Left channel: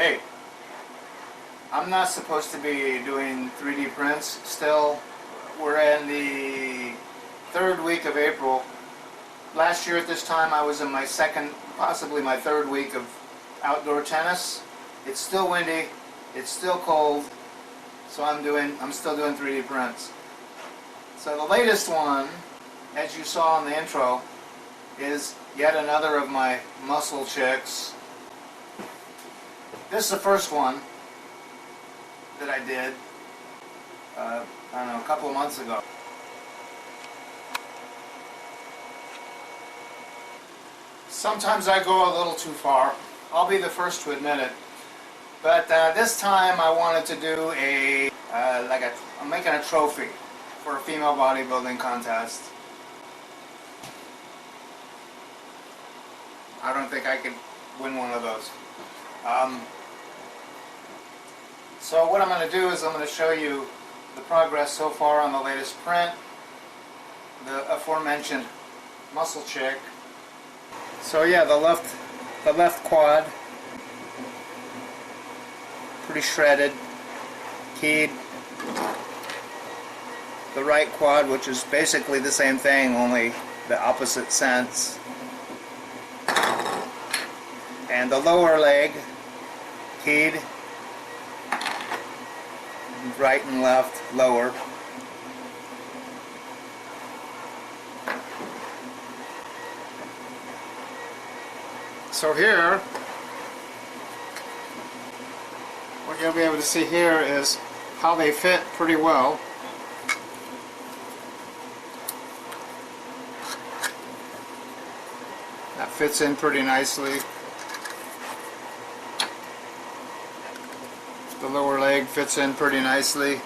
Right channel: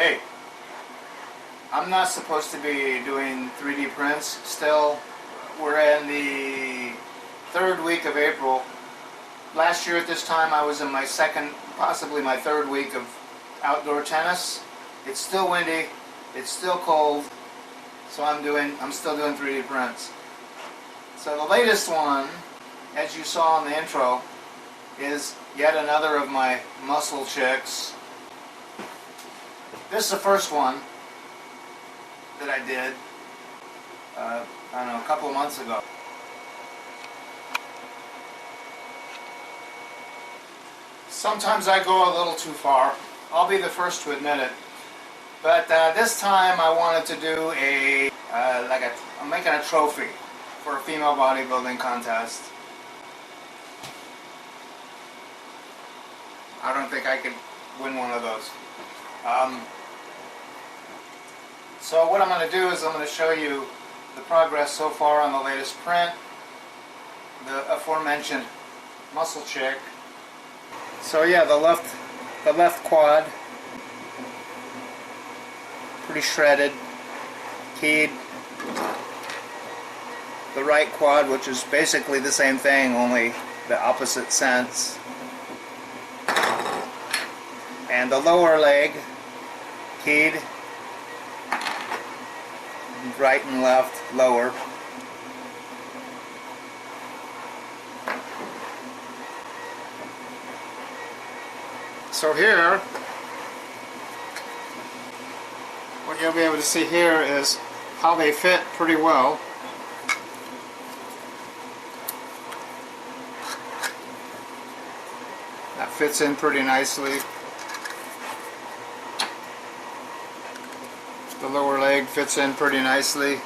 Hey, I'm not supposed to be doing 3D prints still. We're in the third week of April. Last year at this time I was in my second, possibly my third week of outdoor tennis. It's still windy, it's still cold, so I'm still doing 3D prints. So the latest one, as you saw in the intro, is yet another of my muscle chicks. This is the first one that I did, I don't know, a couple of months ago. Sometimes I go a little too far. I'll be the first to admit it. But this time I wanted to do I'm making a trophy for a female bodybuilding contest. I don't think I could win one of those. So what I'm going to do is I'm going to show you the progress so far on the latest print, the aforementioned muscle chick. So yeah, the left quad, pretty shredded, keyed. The right quad, which is basically the same thing, only the opposite sense. And the lower leg, keyed, right and left, lower. So here, what you'll be able to see here is how they fit pretty well. That fits in pretty nicely. The lower leg fits in pretty nicely.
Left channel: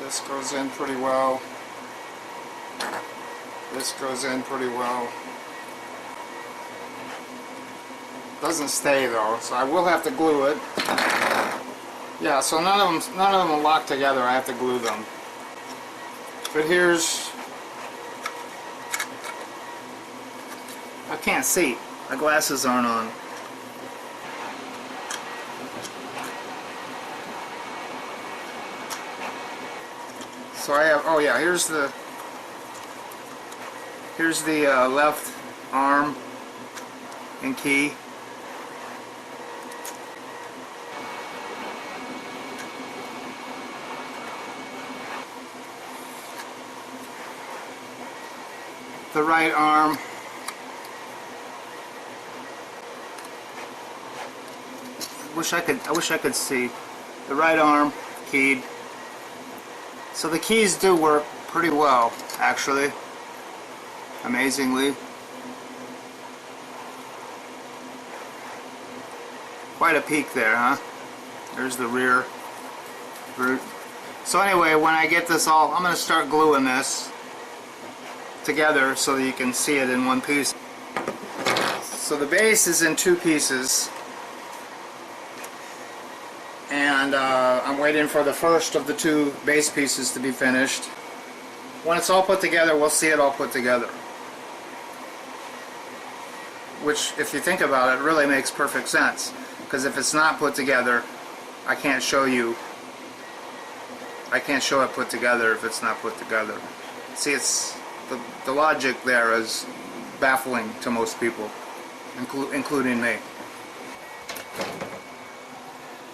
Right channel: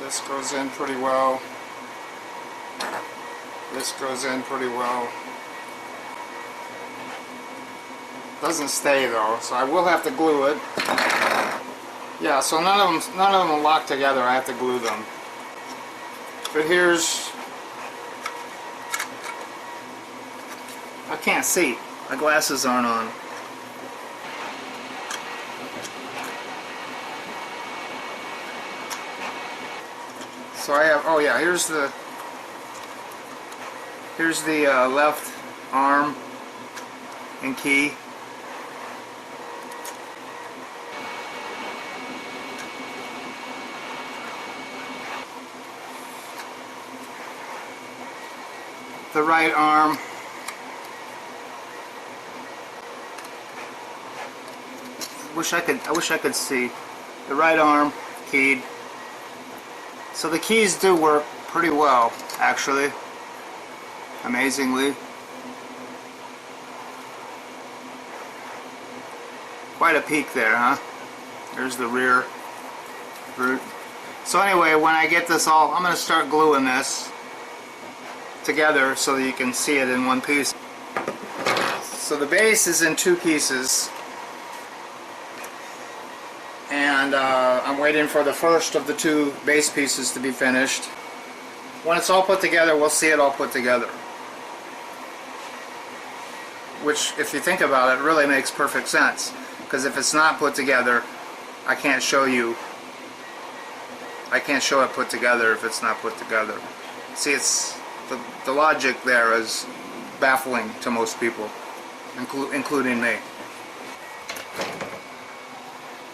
This goes in pretty well. This goes in pretty well. Doesn't stay though, so I will have to glue it. Yeah, so none of them will lock together. I have to glue them. But here's, I can't see. My glasses aren't on. So I have, oh yeah, here's the left arm and key. The right arm. I wish I could see. The right arm keyed. So the keys do work pretty well, actually. Amazingly. Quite a peak there, huh? There's the rear root. So anyway, when I get this all, I'm going to start gluing this together so that you can see it in one piece. So the base is in two pieces. And I'm waiting for the first of the two base pieces to be finished. When it's all put together, we'll see it all put together. Which, if you think about it, really makes perfect sense. Because if it's not put together, I can't show it put together if it's not put together. See, it's the logic there is baffling to most people, including me.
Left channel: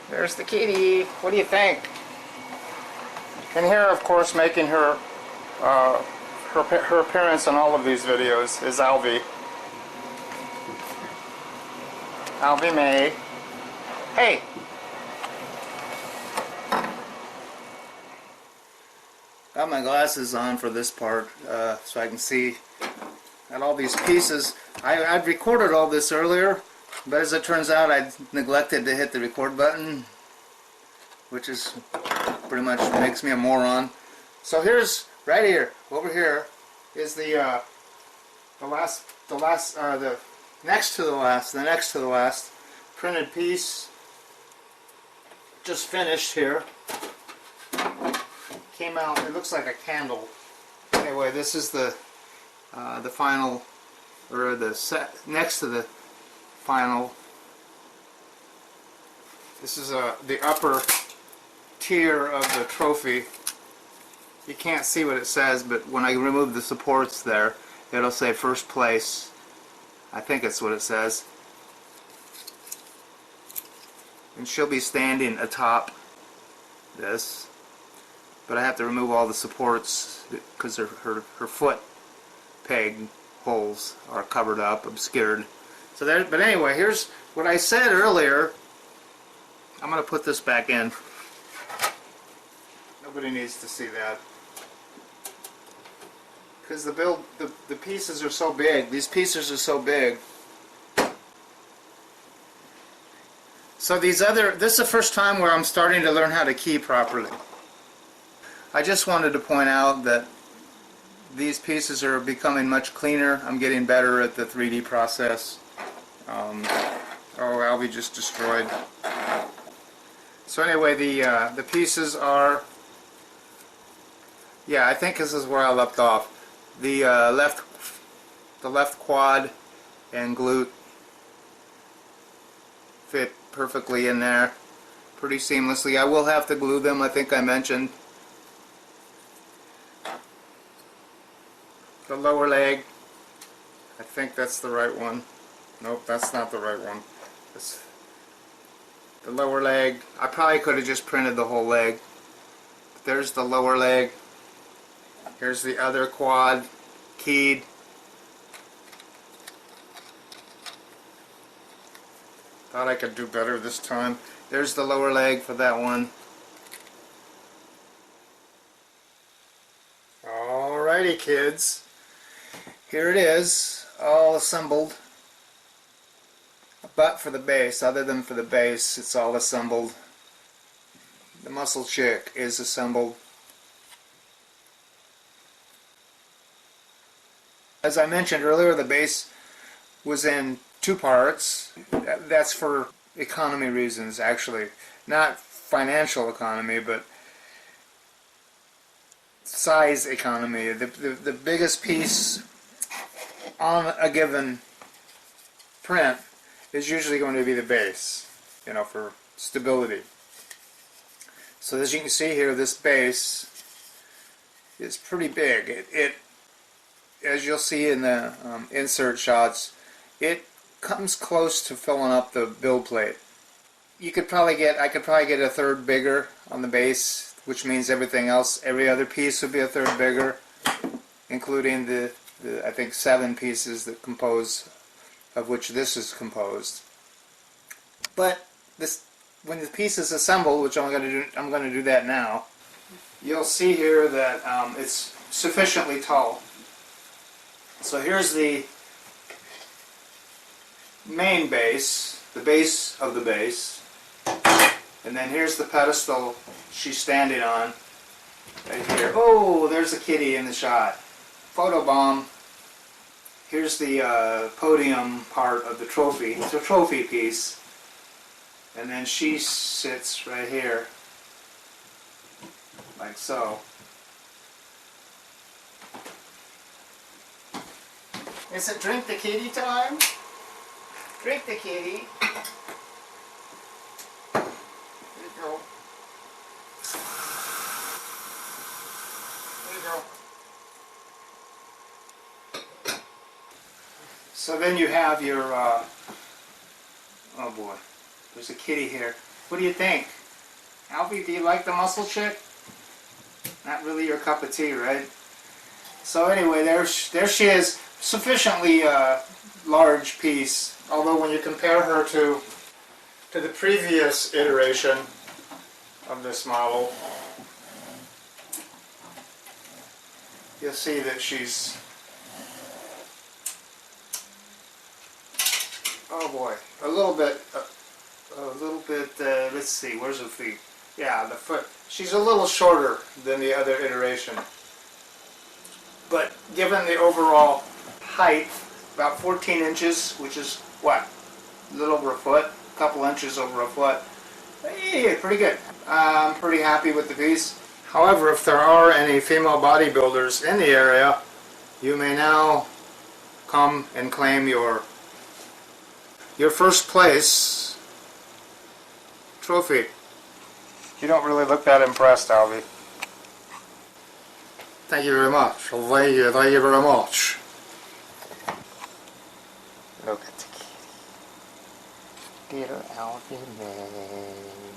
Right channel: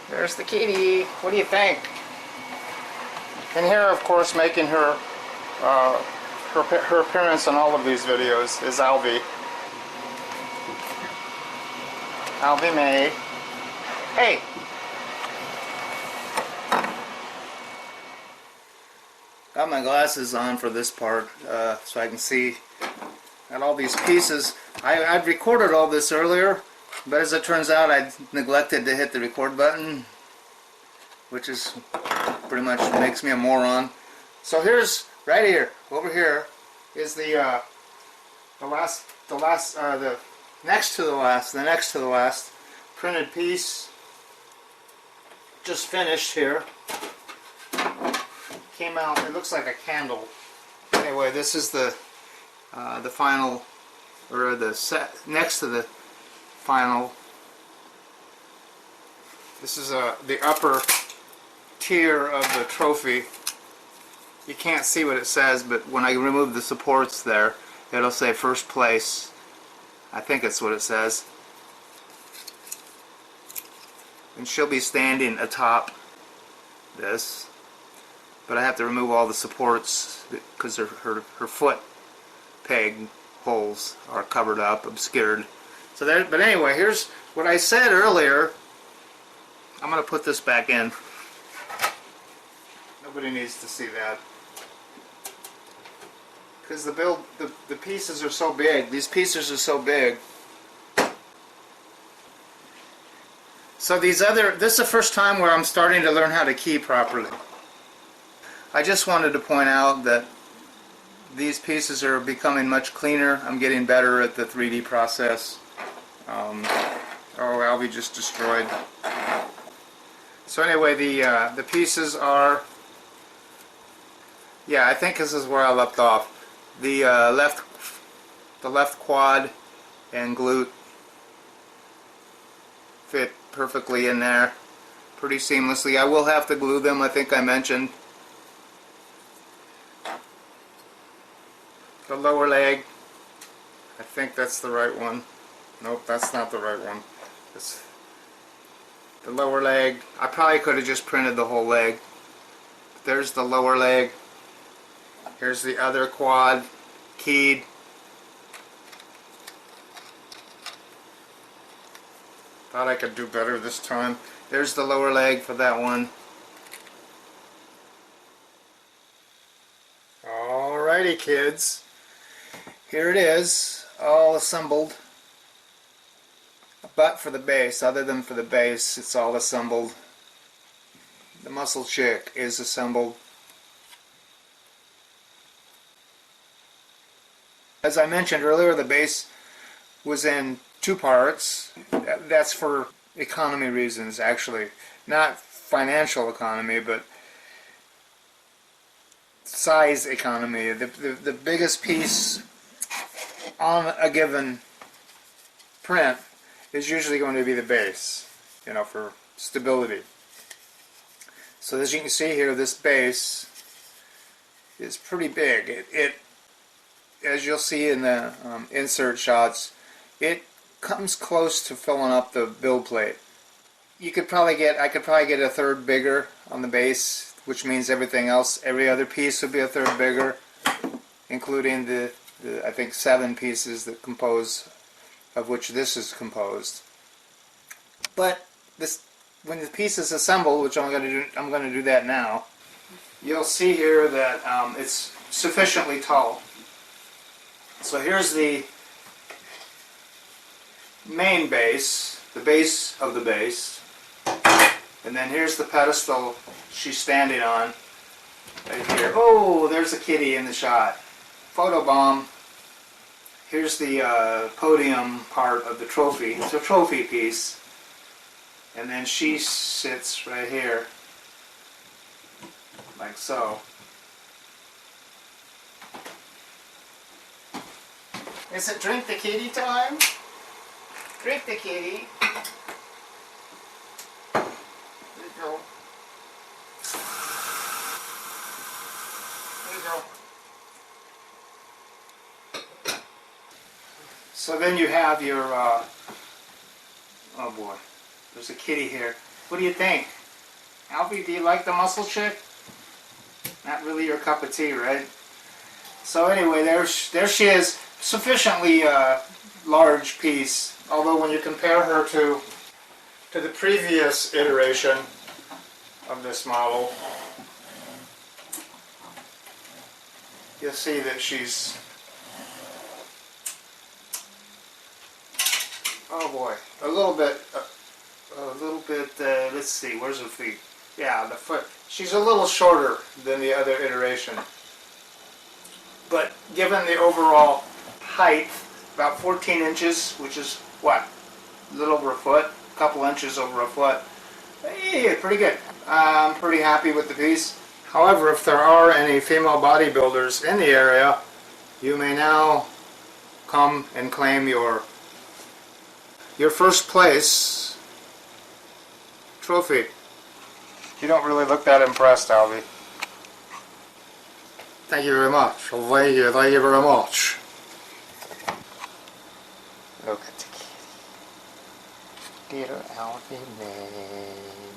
There's the kitty. What do you think? And here, of course, making her appearance in all of these videos is Alvy. Alvy May. Hey! Got my glasses on for this part so I can see. Got all these pieces. I'd recorded all this earlier, but as it turns out I neglected to hit the record button, which is pretty much makes me a moron. So here's, right here, over here, is the next to the last printed piece. Just finished here. Came out, it looks like a candle. Anyway, this is the final, or the set next to the final. This is the upper tier of the trophy. You can't see what it says, but when I remove the supports there, it'll say first place. I think that's what it says. And she'll be standing atop this, but I have to remove all the supports because her foot peg holes are covered up, obscured. So there. But anyway, here's what I said earlier. I'm going to put this back in. Nobody needs to see that, because the pieces are so big. These pieces are so big. So this is the first time where I'm starting to learn how to key properly. I just wanted to point out that these pieces are becoming much cleaner. I'm getting better at the 3D process. Oh, I'll be just destroyed. So anyway, the pieces are, yeah, I think this is where I left off. The left quad and glute fit perfectly in there, pretty seamlessly. I will have to glue them, I think I mentioned. The lower leg, I think that's the right one. Nope, that's not the right one. It's the lower leg. I probably could have just printed the whole leg. But there's the lower leg. Here's the other quad keyed. Thought I could do better this time. There's the lower leg for that one. Alrighty, kids. Here it is, all assembled. But for the base, other than for the base, it's all assembled. The muscle chick is assembled. As I mentioned earlier, the base was in 2 parts. That's for economy reasons, actually. Not financial economy, but size economy. The biggest piece on a given print is usually going to be the base, you know, for stability. So as you can see here, this base is pretty big. It as you'll see in the insert shots, it comes close to filling up the build plate. I could probably get a third bigger on the base, which means everything else, every other piece would be a third bigger, including the I think 7 pieces that compose, of which this is composed. But this, when the piece is assembled, which I'm going to do that now, you'll see here that it's sufficiently tall. So here's the main base, the base of the base, and then here's the pedestal she's standing on, right here. Oh, there's a kitty in the shot. Photobomb. Here's the podium part of the trophy. It's a trophy piece. And then she sits right here, like so. Is it drink the kitty time? Drink the kitty. There you go. There you go. So then you have your, oh boy, there's a kitty here. What do you think? Alfie, do you like the muscle chick? Not really your cup of tea, right? So anyway, there she is. Sufficiently large piece, although when you compare her to the previous iteration of this model, you'll see that she's, oh boy, a little bit, let's see, where's her feet? Yeah, the foot. She's a little shorter than the other iteration. But given the overall height, about 14 inches, which is what? A little over a foot, a couple inches over a foot. Hey, pretty good. I'm pretty happy with the piece. However, if there are any female bodybuilders in the area, you may now come and claim your your first place trophy. You don't really look that impressed, Albie. Thank you very much. Thank you very much. Look at the kitty. Little Albie man.